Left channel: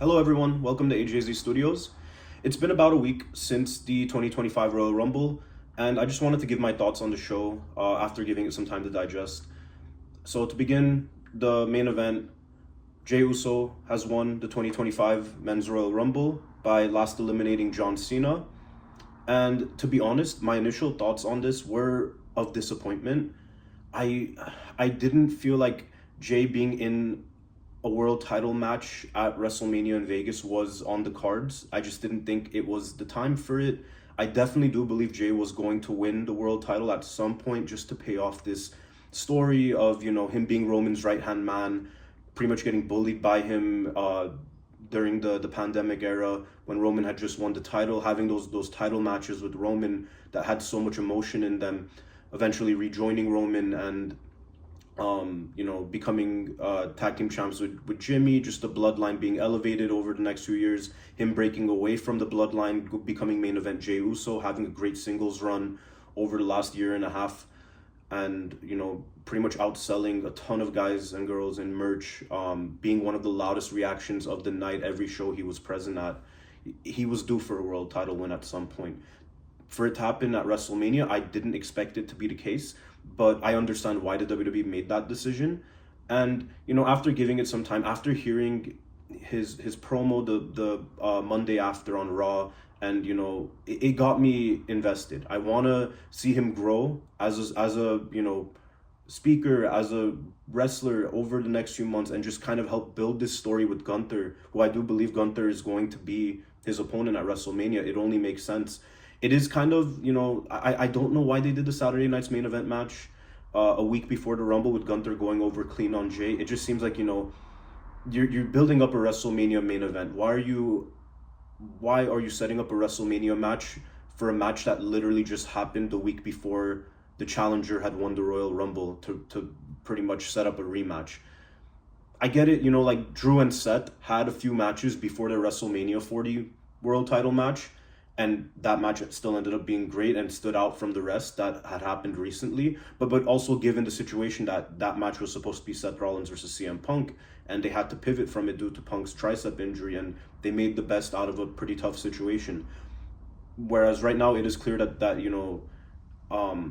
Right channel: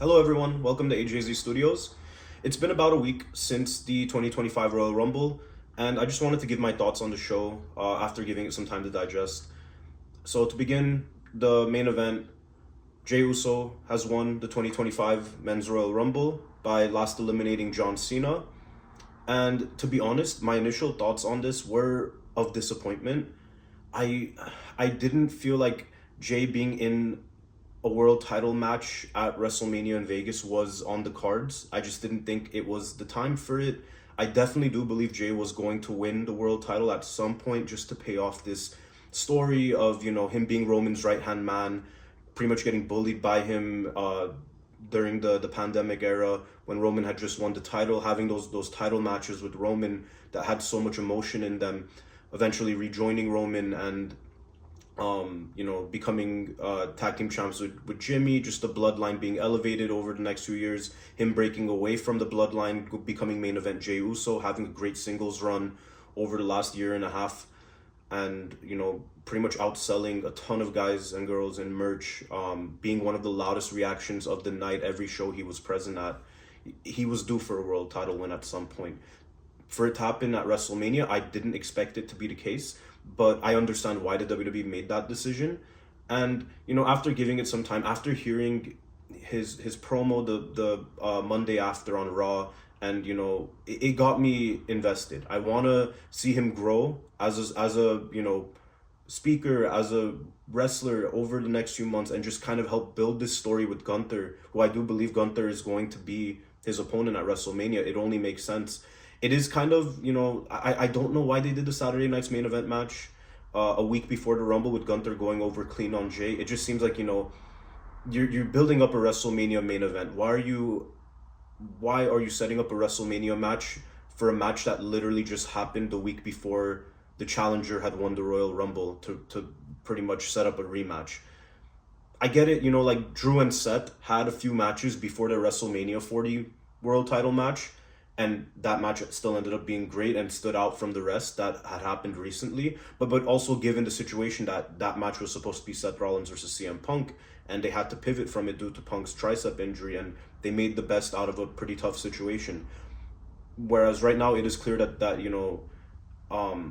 Hello everyone, welcome to AJZ Studios. It's been about a week since the 2025 Royal Rumble, and I just wanted to give my thoughts on the show after giving it some time to digest. So to begin, the main event, Jey Uso has won the 2025 Men's Royal Rumble by last eliminating John Cena. And to be honest, my initial thoughts on this were of disappointment. I I didn't feel like Jey being in a world title match at WrestleMania in Vegas was on the cards. I just didn't think it was the time for it. I definitely do believe Jey was going to win the world title at some point just to pay off this story of, him being Roman's right-hand man, pretty much getting bullied by him during the pandemic era when Roman had just won the title, having those title matches with Roman that had so much emotion in them, eventually rejoining Roman and becoming tag team champs with Jimmy, just the bloodline being elevated over the next few years, him breaking away from the bloodline, becoming main event Jey Uso, having a great singles run over the last year and a half, and pretty much outselling a ton of guys and girls in merch, being one of the loudest reactions of the night every show he was present at. He was due for a world title win at some point. For it to happen at WrestleMania, I didn't expect it to be the case, but I understand why the WWE made that decision. And after giving it some time, after hearing his promo the Monday after on Raw, and it got me invested. I want to see him grow as a speaker, as a wrestler over the next few months, and just kind of help build this story with Gunther, who I do believe Gunther is going to be his opponent at WrestleMania. It only makes sense. It is kind of, I don't know why they did the Saturday night's main event match a week before the Rumble with Gunther going over clean on Jey. It just seems like, you're building up a WrestleMania main event. Why are you setting up a WrestleMania match for a match that literally just happened the week before the challenger had won the Royal Rumble to pretty much set up a rematch? I get it, like Drew and Seth had a few matches before the WrestleMania 40 world title match, and that match still ended up being great and stood out from the rest that had happened recently. But also given the situation that match was supposed to be Seth Rollins versus CM Punk, and they had to pivot from it due to Punk's tricep injury, and they made the best out of a pretty tough situation. Whereas right now it is clear that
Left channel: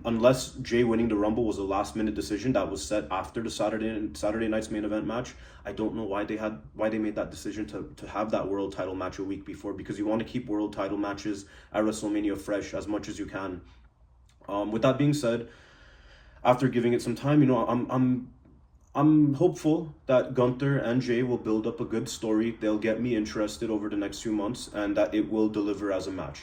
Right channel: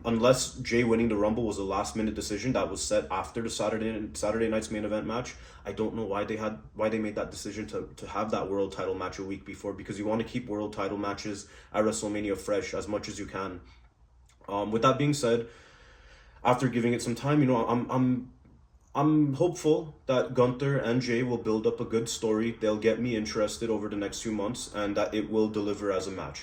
unless Jey winning the Rumble was a last minute decision that was set after the Saturday night's main event match, I don't know why they made that decision to have that world title match a week before, because you want to keep world title matches at WrestleMania fresh as much as you can. With that being said, after giving it some time, I'm hopeful that Gunther and Jey will build up a good story. They'll get me interested over the next few months, and that it will deliver as a match.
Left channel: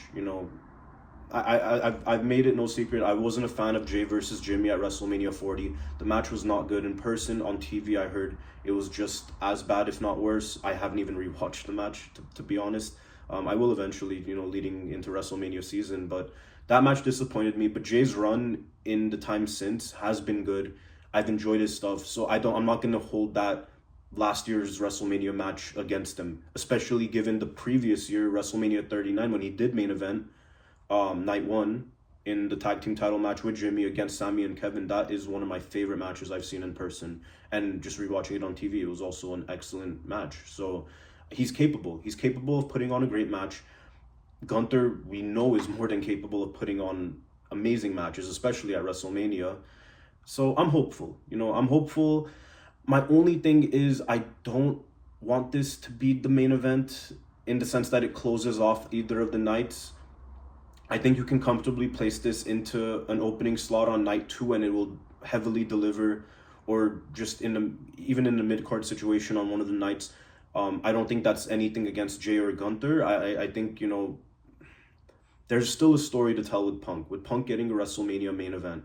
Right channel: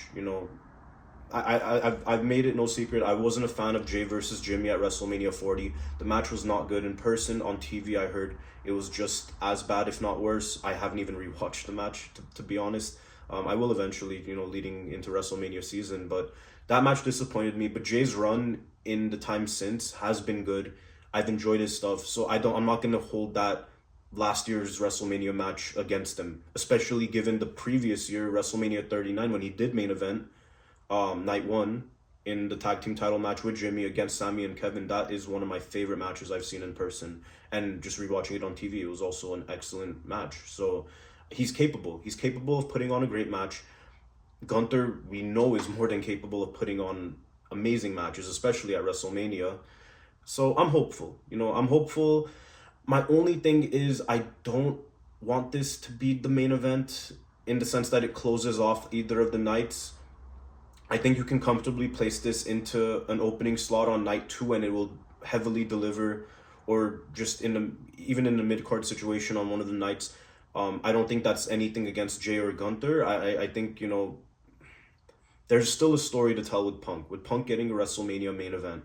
I've made it no secret. I wasn't a fan of Jey versus Jimmy at WrestleMania 40. The match was not good in person. On TV, I heard it was just as bad, if not worse. I haven't even rewatched the match, to be honest. I will eventually, leading into WrestleMania season. But that match disappointed me. But Jey's run in the time since has been good. I've enjoyed his stuff, so I'm not gonna hold that last year's WrestleMania match against him, especially given the previous year, WrestleMania 39, when he did main event night one in the tag team title match with Jimmy against Sami and Kevin. That is one of my favorite matches I've seen in person, and just rewatching it on TV, it was also an excellent match. So he's capable of putting on a great match. Gunther, we know, is more than capable of putting on amazing matches, especially at WrestleMania. So I'm hopeful. I'm hopeful. My only thing is I don't want this to be the main event in the sense that it closes off either of the nights. I think you can comfortably place this into an opening slot on night 2, and it will heavily deliver, or just even in the mid-card situation on one of the nights. I don't think that's anything against Jey or Gunther. I think, there's still a story to tell with Punk getting a WrestleMania main event.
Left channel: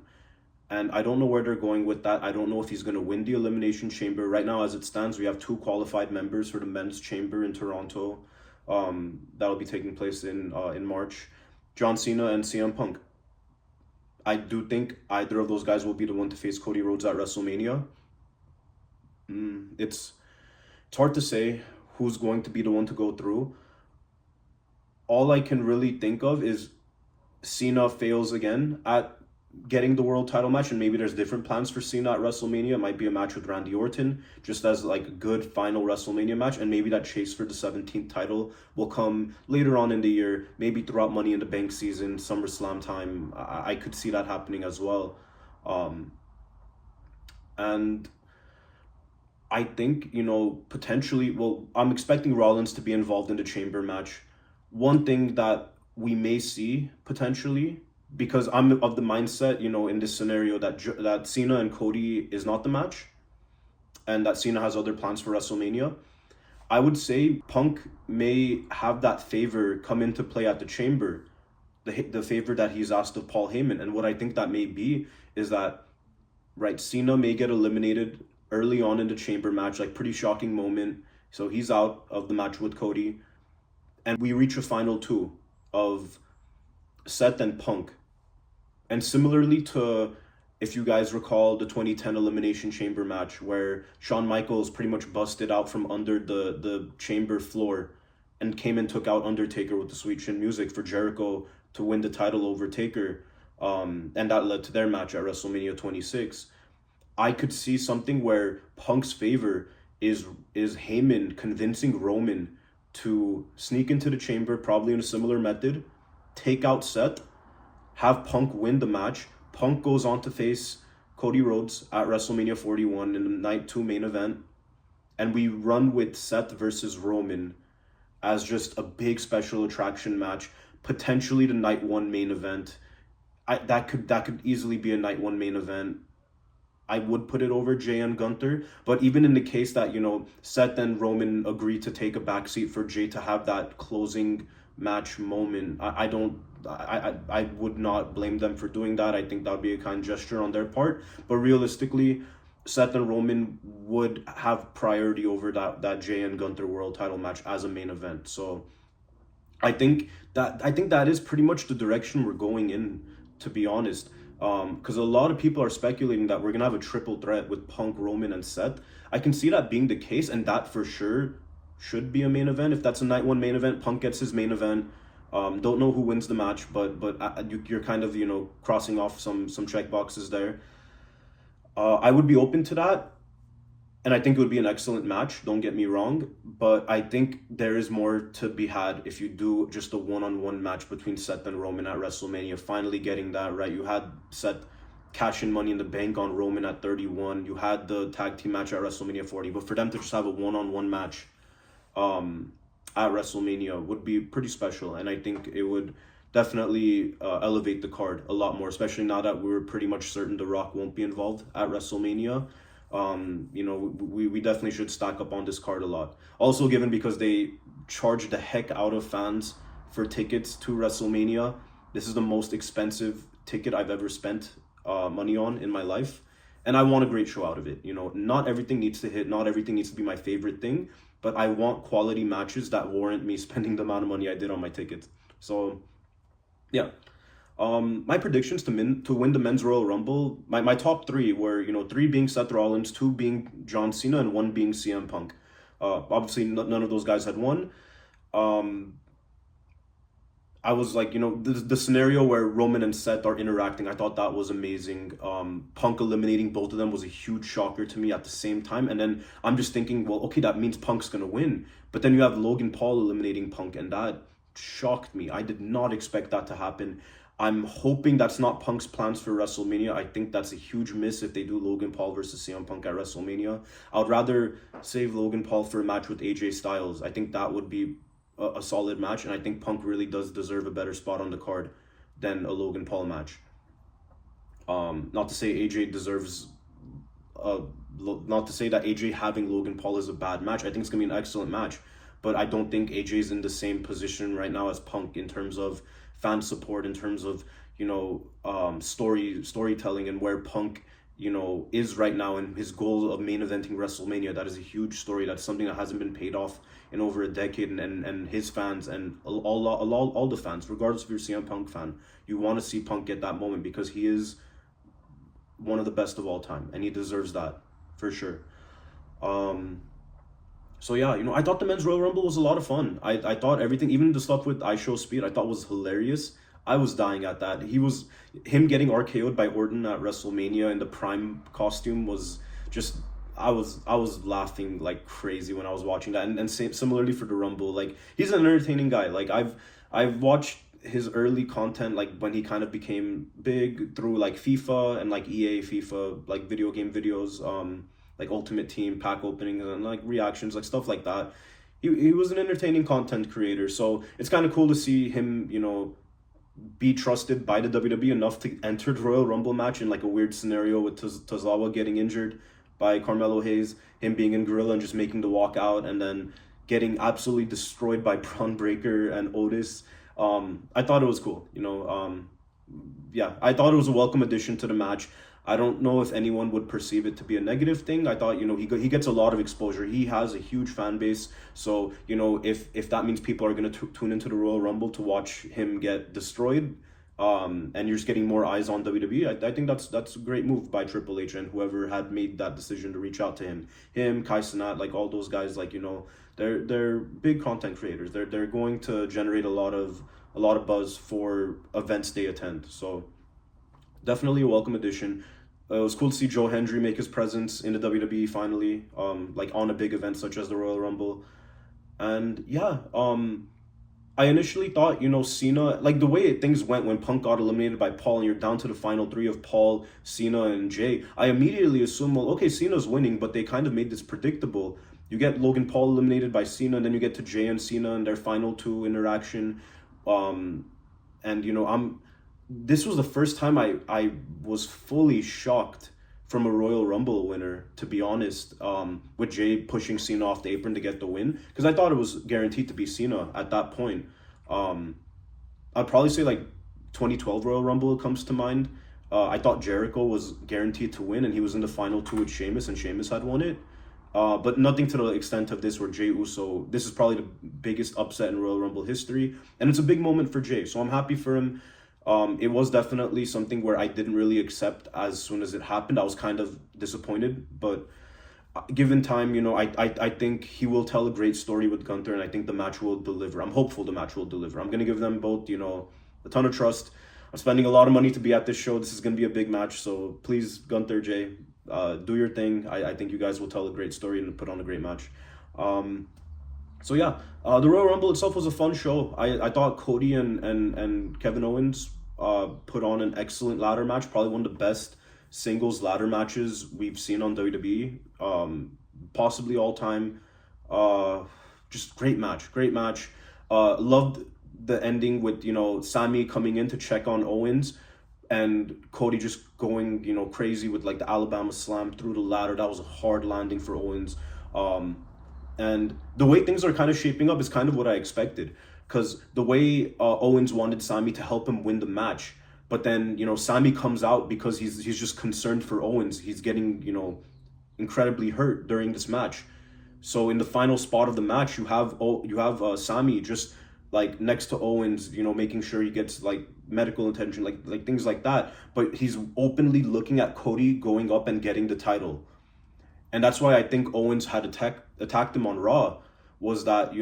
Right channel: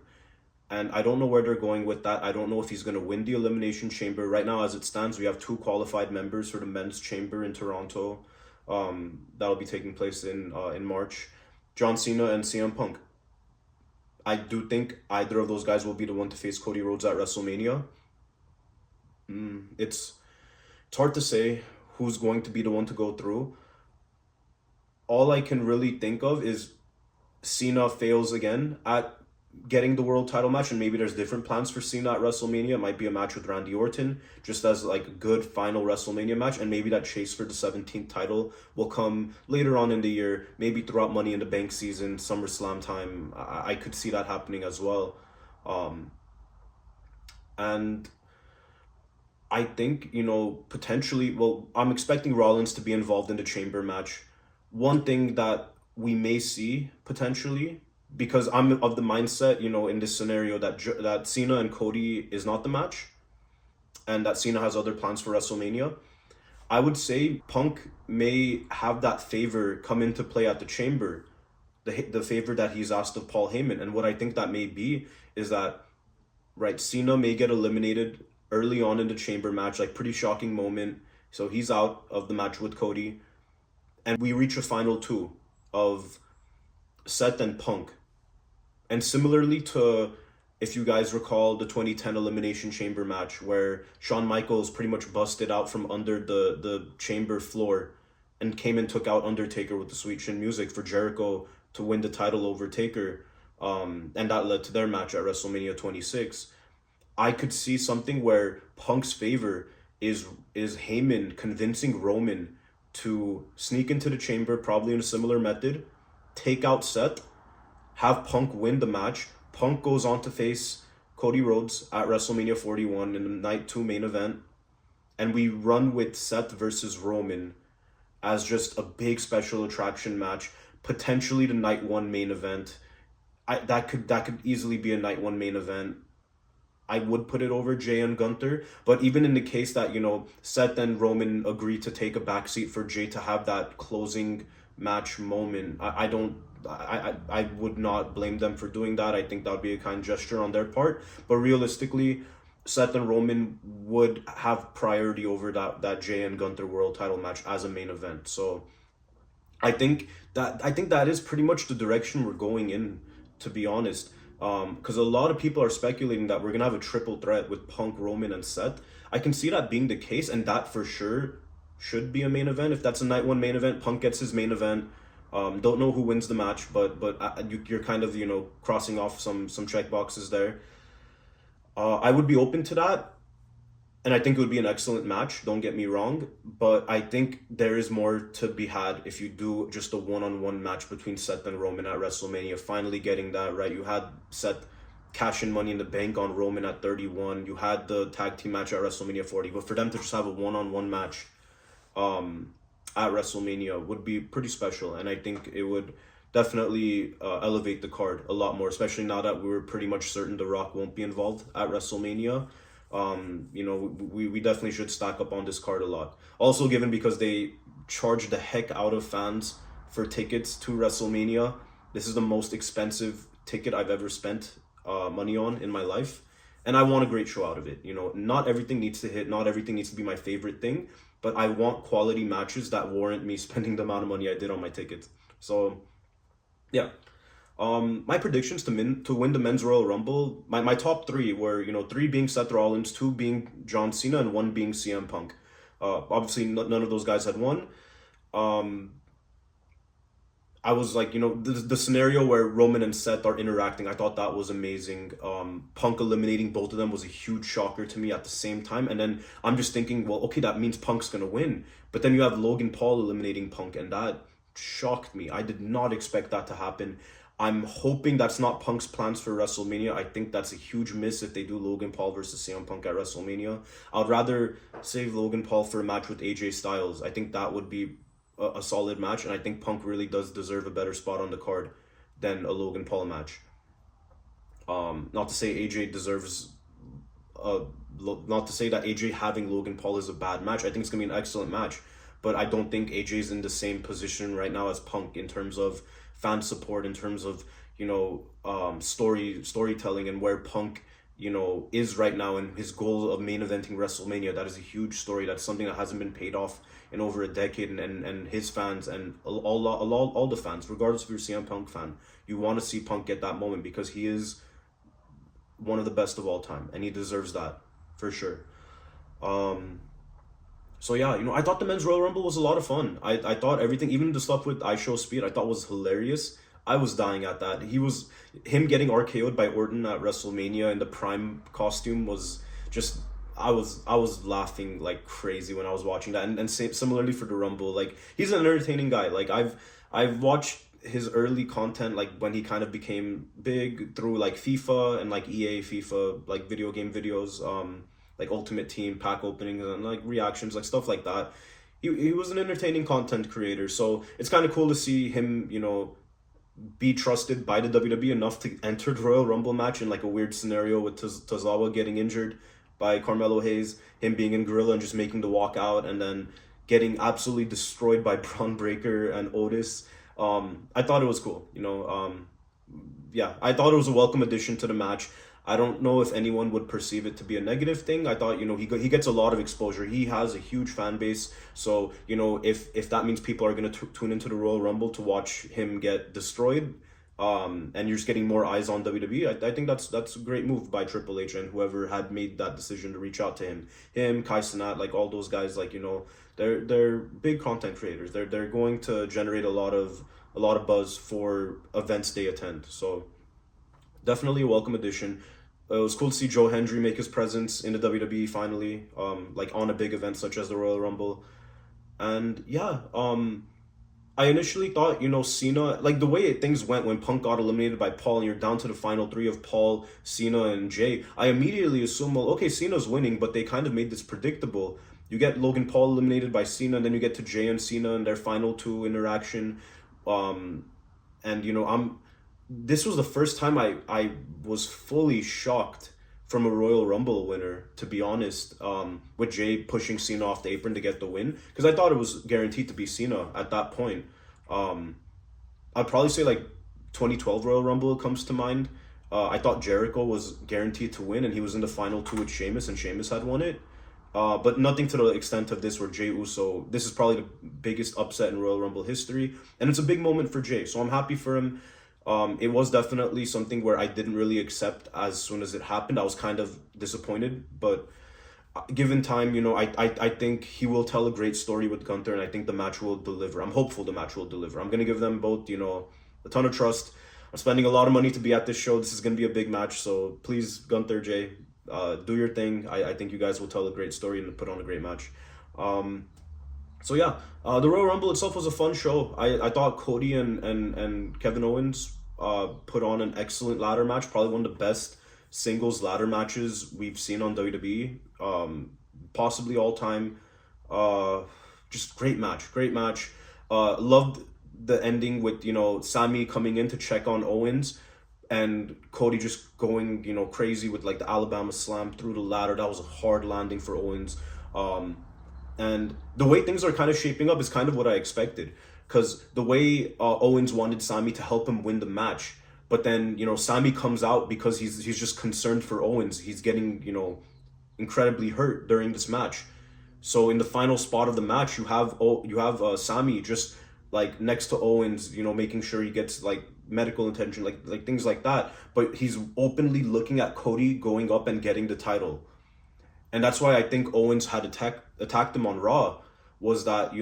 And I don't know where they're going with that. I don't know if he's going to win the Elimination Chamber. Right now, as it stands, we have 2 qualified members for the Men's Chamber in Toronto. That'll be taking place in March. John Cena and CM Punk. I do think either of those guys will be the one to face Cody Rhodes at WrestleMania. It's hard to say who's going to be the one to go through. All I can really think of is Cena fails again at getting the world title match, and maybe there's different plans for Cena at WrestleMania. It might be a match with Randy Orton, just as like a good final WrestleMania match, and maybe that chase for the 17th title will come later on in the year, maybe throughout Money in the Bank season, SummerSlam time. I could see that happening as well. And I think, potentially, well, I'm expecting Rollins to be involved in the Chamber match. One thing that we may see potentially, because I'm of the mindset, in this scenario that Cena and Cody is not the match, and that Cena has other plans for WrestleMania, I would say Punk may have that favor come into play at the Chamber, the favor that he's asked of Paul Heyman. And what I think that may be is that, right, Cena may get eliminated early on in the Chamber match, like pretty shocking moment. So he's out of the match with Cody. And we reach a final two of Seth and Punk. And similarly to, if you guys recall, the 2010 Elimination Chamber match where Shawn Michaels pretty much busted out from under the chamber floor and came and took out Undertaker with the Sweet Chin Music for Jericho to win the title over Taker. And that led to their match at WrestleMania 26. I could see something where Punk's favor is Heyman convincing Roman to sneak into the Chamber, probably in a similar method, take out Seth, have Punk win the match. Punk goes on to face Cody Rhodes at WrestleMania 41 in the Night 2 main event. And we run with Seth versus Roman as just a big special attraction match, potentially the Night 1 main event. That could easily be a Night 1 main event. I would put it over Jey and Gunther, but even in the case that, Seth and Roman agree to take a backseat for Jey to have that closing match moment, I would not blame them for doing that. I think that would be a kind gesture on their part, but realistically, Seth and Roman would have priority over that Jey and Gunther world title match as a main event. So I think that is pretty much the direction we're going in, to be honest. Because a lot of people are speculating that we're gonna have a triple threat with Punk, Roman, and Seth. I can see that being the case, and that for sure should be a main event. If that's a Night 1 main event, Punk gets his main event. Don't know who wins the match, but you're kind of crossing off some check boxes there. I would be open to that, and I think it would be an excellent match. Don't get me wrong, but I think there is more to be had if you do just a one-on-one match between Seth and Roman at WrestleMania. Finally getting that right. You had Seth cash in Money in the Bank on Roman at 31. You had the tag team match at WrestleMania 40, but for them to just have a one-on-one match at WrestleMania would be pretty special, and I think it would definitely elevate the card a lot more, especially now that we're pretty much certain The Rock won't be involved at WrestleMania. We definitely should stack up on this card a lot. Also, given because they charge the heck out of fans for tickets to WrestleMania, this is the most expensive ticket I've ever spent money on in my life, and I want a great show out of it. Not everything needs to hit, not everything needs to be my favorite thing, but I want quality matches that warrant me spending the amount of money I did on my tickets. So, yeah. My predictions to win the Men's Royal Rumble, my top three were, 3 being Seth Rollins, 2 being John Cena, and 1 being CM Punk. Obviously, none of those guys had won. I was like, the scenario where Roman and Seth are interacting, I thought that was amazing. Punk eliminating both of them was a huge shocker to me at the same time. And then I'm just thinking, well, okay, that means Punk's going to win. But then you have Logan Paul eliminating Punk, and that shocked me. I did not expect that to happen. I'm hoping that's not Punk's plans for WrestleMania. I think that's a huge miss if they do Logan Paul versus CM Punk at WrestleMania. I'd rather save Logan Paul for a match with AJ Styles. I think that would be a solid match, and I think Punk really does deserve a better spot on the card than a Logan Paul match. Not to say AJ deserves... not to say that AJ having Logan Paul is a bad match. I think it's going to be an excellent match, but I don't think AJ's in the same position right now as Punk in terms of fan support, in terms of storytelling, and where Punk is right now in his goal of main eventing WrestleMania. That is a huge story. That's something that hasn't been paid off in over a decade, and his fans and all the fans, regardless if you're a CM Punk fan, you want to see Punk get that moment because he is one of the best of all time, and he deserves that for sure. So yeah, I thought the Men's Royal Rumble was a lot of fun. I thought everything, even the stuff with I Show Speed, I thought was hilarious. I was dying at that. Him getting RKO'd by Orton at WrestleMania in the Prime costume was just, I was laughing like crazy when I was watching that, and similarly for the Rumble, like he's an entertaining guy. Like I've watched his early content, like when he kind of became big through like FIFA and like EA FIFA, like video game videos, like Ultimate Team pack openings and like reactions, like stuff like that. He was an entertaining content creator, so it's kind of cool to see him, be trusted by the WWE enough to enter the Royal Rumble match in like a weird scenario with Tozawa getting injured by Carmelo Hayes, him being in Gorilla and just making the walk out, and then getting absolutely destroyed by Braun Breaker and Otis. I thought it was cool, yeah, I thought it was a welcome addition to the match. I don't know if anyone would perceive it to be a negative thing. I thought, he gets a lot of exposure. He has a huge fan base. So, if that means people are going to tune into the Royal Rumble to watch him get destroyed, and you're just getting more eyes on WWE, I think that's a great move by Triple H and whoever had made that decision to reach out to him. Kai Cenat, like all those guys, like, they're big content creators. They're going to generate a lot of buzz for events they attend. So definitely a welcome addition. It was cool to see Joe Hendry make his presence in the WWE finally, like on a big event such as the Royal Rumble. And yeah, I initially thought, Cena, like the way things went when Punk got eliminated by Paul and you're down to the final three of Paul, Cena, and Jey, I immediately assumed, well, okay, Cena's winning, but they kind of made this predictable. You get Logan Paul eliminated by Cena, and then you get to Jey and Cena in their final two interaction. And this was the first time I was fully shocked from a Royal Rumble winner, to be honest, with Jey pushing Cena off the apron to get the win, because I thought it was guaranteed to be Cena at that point. I'd probably say like 2012 Royal Rumble comes to mind. I thought Jericho was guaranteed to win, and he was in the final two with Sheamus, and Sheamus had won it. But nothing to the extent of this, where Jey Uso, this is probably the biggest upset in Royal Rumble history, and it's a big moment for Jey, so I'm happy for him. It was definitely something where I didn't really accept as soon as it happened. I was kind of disappointed, but given time, I think he will tell a great story with Gunther, and I think the match will deliver. I'm hopeful the match will deliver. I'm going to give them both, a ton of trust. I'm spending a lot of money to be at this show. This is going to be a big match, so please, Gunther, Jey, do your thing. I think you guys will tell a great story and put on a great match. So yeah, the Royal Rumble itself was a fun show. I thought Cody and Kevin Owens put on an excellent ladder match, probably one of the best singles ladder matches we've seen on WWE, possibly all time. Just great match. Loved the ending with, Sami coming in to check on Owens and Cody just going, crazy with like the Alabama slam through the ladder. That was a hard landing for Owens. And the way things are kind of shaping up is kind of what I expected, because the way Owens wanted Sami to help him win the match, but then, Sami comes out because he's just concerned for Owens. He's getting, incredibly hurt during this match. So in the final spot of the match, you have Sami just like next to Owens, making sure he gets like medical attention, like things like that. But he's openly looking at Cody going up and getting the title. And that's why I think Owens had attacked him on Raw, was that,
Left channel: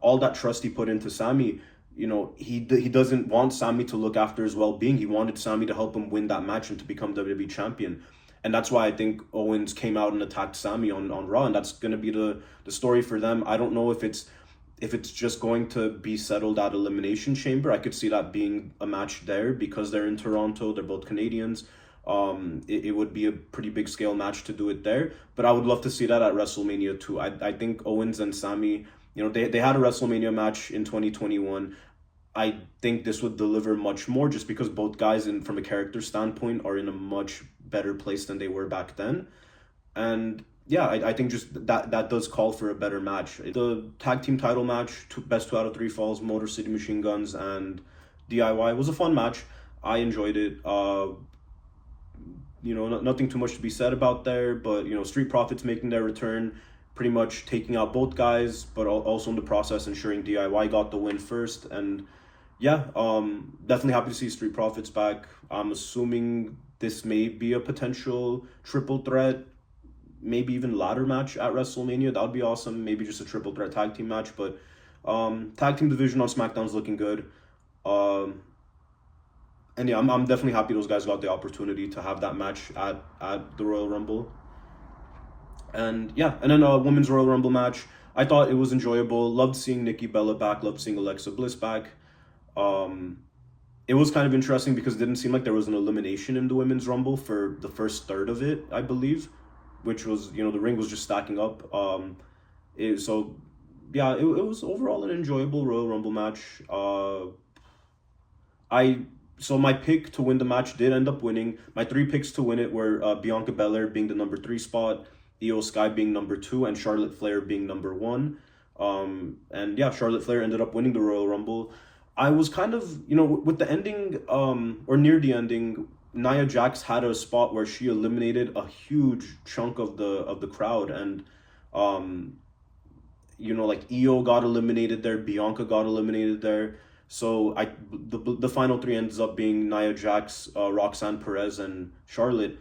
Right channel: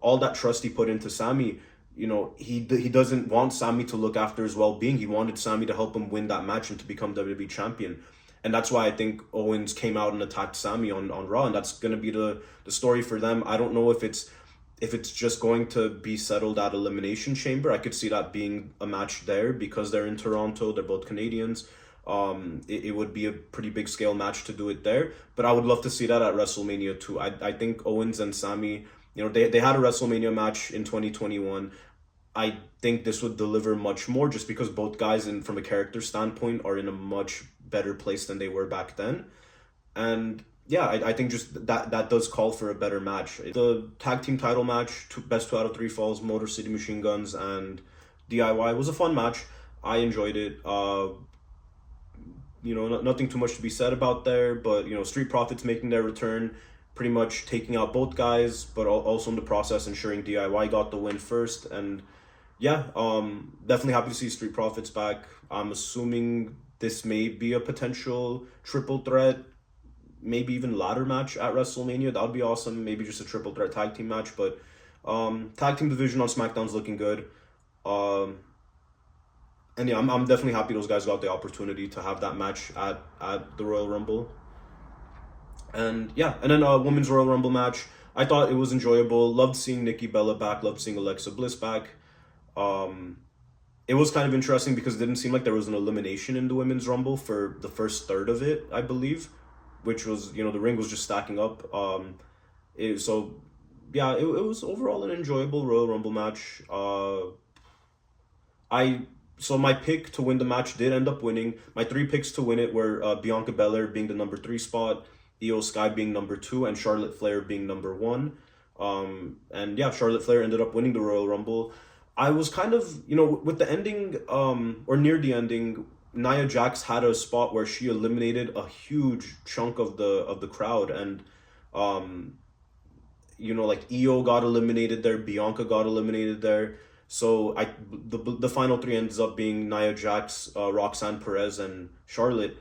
all that trust he put into Sami, he doesn't want Sami to look after his well-being. He wanted Sami to help him win that match and to become WWE champion. And that's why I think Owens came out and attacked Sami on Raw, and that's going to be the story for them. I don't know if it's just going to be settled at Elimination Chamber. I could see that being a match there because they're in Toronto. They're both Canadians. It would be a pretty big scale match to do it there, but I would love to see that at WrestleMania too. I think Owens and Sami, they had a WrestleMania match in 2021. I think this would deliver much more, just because both guys, from a character standpoint, are in a much better place than they were back then. And yeah, I think just that does call for a better match. The tag team title match, best 2 out of 3 falls, Motor City Machine Guns and DIY, was a fun match. I enjoyed it. Nothing too much to be said about there, but Street Profits making their return, pretty much taking out both guys, but also in the process ensuring DIY got the win first. And yeah, definitely happy to see Street Profits back. I'm assuming this may be a potential triple threat, maybe even ladder match at WrestleMania. That would be awesome. Maybe just a triple threat tag team match, but tag team division on SmackDown's looking good. And yeah, I'm definitely happy those guys got the opportunity to have that match at the Royal Rumble. And yeah, and then a women's Royal Rumble match. I thought it was enjoyable. Loved seeing Nikki Bella back. Loved seeing Alexa Bliss back. Um, it was kind of interesting because it didn't seem like there was an elimination in the women's Rumble for the first third of it, I believe, which was, you know, the ring was just stacking up. So yeah, it was overall an enjoyable Royal Rumble match. So my pick to win the match did end up winning. My three picks to win it were Bianca Belair being the number 3 spot, Io Sky being number 2, and Charlotte Flair being number 1. And yeah, Charlotte Flair ended up winning the Royal Rumble. I was kind of, you know, with the ending, or near the ending, Nia Jax had a spot where she eliminated a huge chunk of the crowd, and you know, like Io got eliminated there, Bianca got eliminated there. So the final three ends up being Nia Jax, Roxanne Perez, and Charlotte.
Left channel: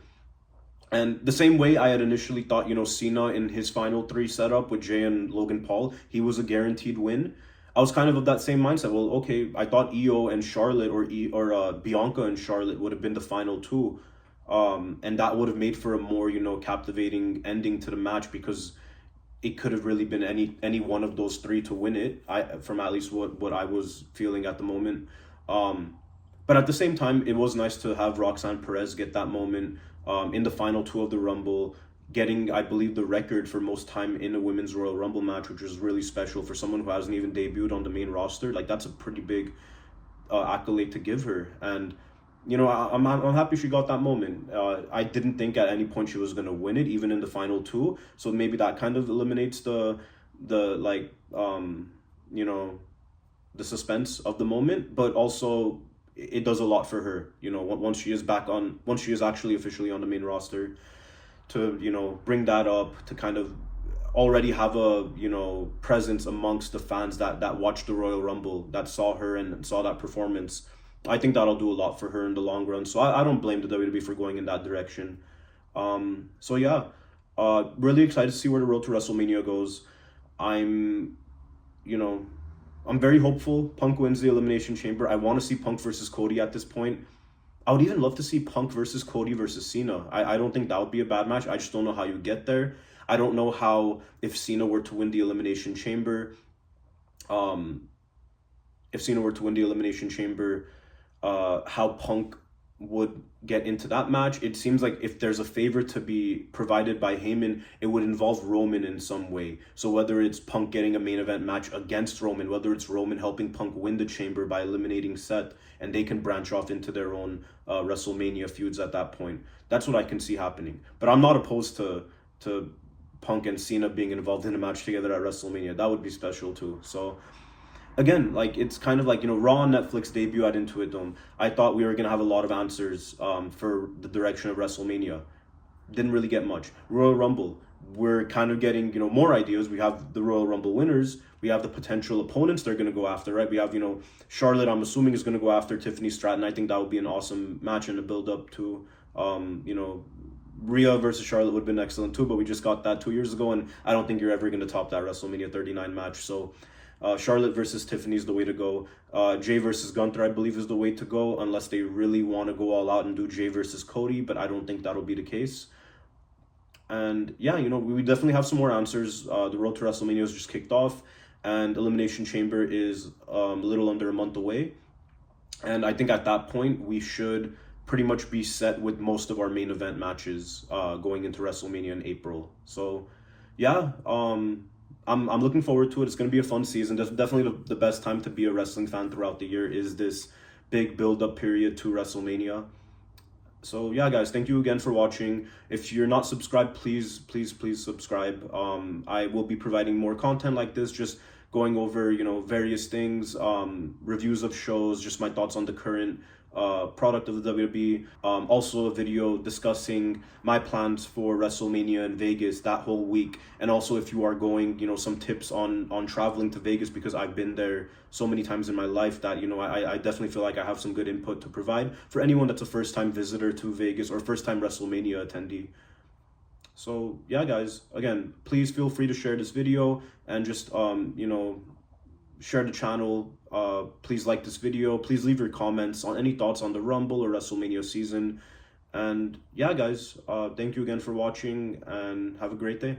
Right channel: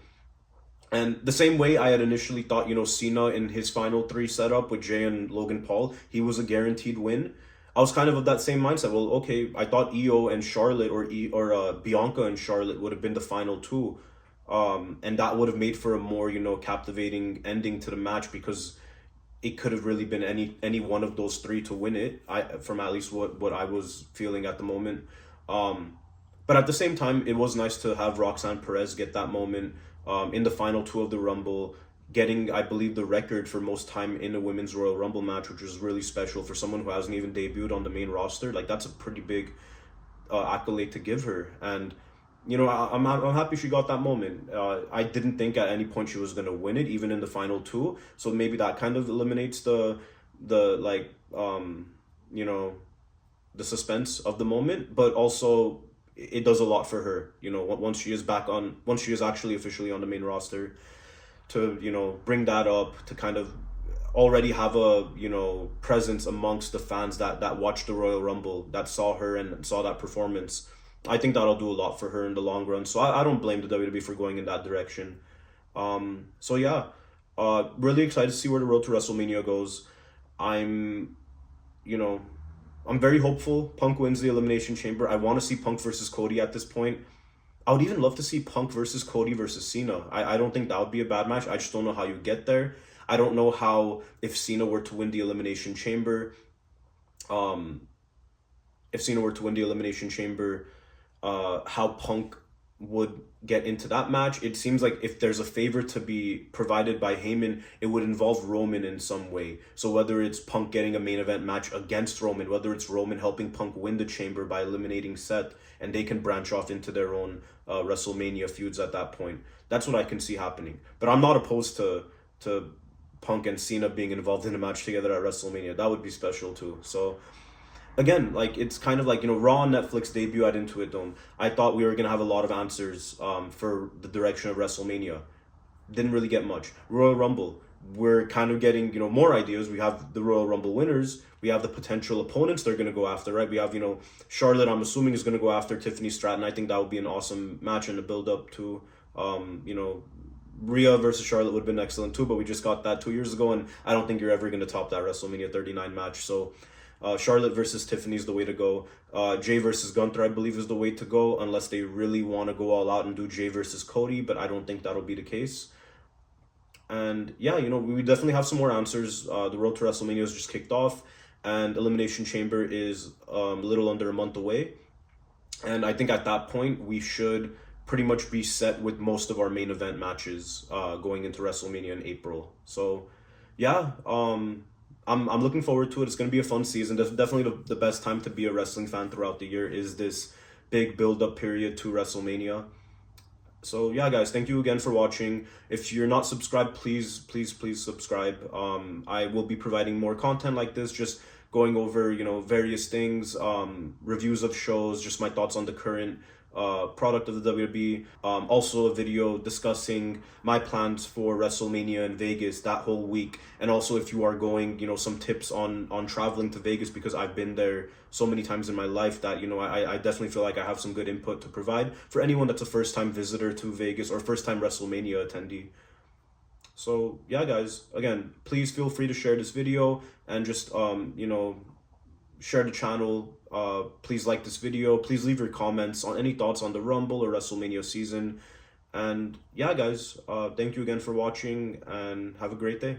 And the same way I had initially thought, you know, Cena in his final three setup with Jey and Logan Paul, he was a guaranteed win. I was kind of that same mindset. Well, okay, I thought Io and Charlotte or Bianca and Charlotte would have been the final two, and that would have made for a more, you know, captivating ending to the match, because it could have really been any one of those three to win it. From at least what I was feeling at the moment. But at the same time, it was nice to have Roxanne Perez get that moment in the final two of the Rumble, getting, I believe, the record for most time in a women's Royal Rumble match, which was really special for someone who hasn't even debuted on the main roster. Like, that's a pretty big accolade to give her. And, you know, I'm happy she got that moment. I didn't think at any point she was going to win it, even in the final two. So maybe that kind of eliminates the like, you know, the suspense of the moment. But also, it does a lot for her, you know, once she is actually officially on the main roster, to, you know, bring that up, to kind of already have a, you know, presence amongst the fans that watched the Royal Rumble, that saw her and saw that performance. I think that'll do a lot for her in the long run. So I don't blame the WWE for going in that direction. So yeah, really excited to see where the road to WrestleMania goes. I'm very hopeful Punk wins the Elimination Chamber. I want to see Punk versus Cody at this point. I would even love to see Punk versus Cody versus Cena. I don't think that would be a bad match. I just don't know how you get there. I don't know how, if Cena were to win the Elimination Chamber, how Punk would get into that match. It seems like if there's a favor to be provided by Heyman, it would involve Roman in some way. So whether it's Punk getting a main event match against Roman, whether it's Roman helping Punk win the Chamber by eliminating Seth, and they can branch off into their own WrestleMania feuds at that point. That's what I can see happening. But I'm not opposed to Punk and Cena being involved in a match together at WrestleMania. That would be special too. So again, like, it's kind of like, you know, Raw on Netflix debut at Intuit Dome. I thought we were going to have a lot of answers for the direction of WrestleMania. Didn't really get much. Royal Rumble, we're kind of getting, you know, more ideas. We have the Royal Rumble winners. We have the potential opponents they're going to go after, right? We have, you know, Charlotte, I'm assuming, is going to go after Tiffany Stratton. I think that would be an awesome match and a build-up to, you know, Rhea versus Charlotte would have been excellent too, but we just got that 2 years ago, and I don't think you're ever going to top that WrestleMania 39 match. So Charlotte versus Tiffany is the way to go. Jey versus Gunther, I believe, is the way to go, unless they really want to go all out and do Jey versus Cody, but I don't think that'll be the case. And yeah, you know, we definitely have some more answers. The road to WrestleMania is just kicked off, and Elimination Chamber is a little under a month away. And I think at that point, we should pretty much be set with most of our main event matches going into WrestleMania in April. So yeah, I'm looking forward to it. It's going to be a fun season. Definitely the best time to be a wrestling fan throughout the year is this big build-up period to WrestleMania. So yeah, guys, thank you again for watching. If you're not subscribed, please subscribe. I will be providing more content like this, just going over, you know, various things, reviews of shows, just my thoughts on the current product of the WWE. Also a video discussing my plans for WrestleMania in Vegas that whole week, and also, if you are going, you know, some tips on traveling to Vegas, because I've been there so many times in my life that, you know, I definitely feel like I have some good input to provide for anyone that's a first-time visitor to Vegas or first-time WrestleMania attendee. So yeah, guys, again, please feel free to share this video and just you know, share the channel. Please like this video. Please leave your comments on any thoughts on the Rumble or WrestleMania season. And yeah, guys, thank you again for watching, and have a great day.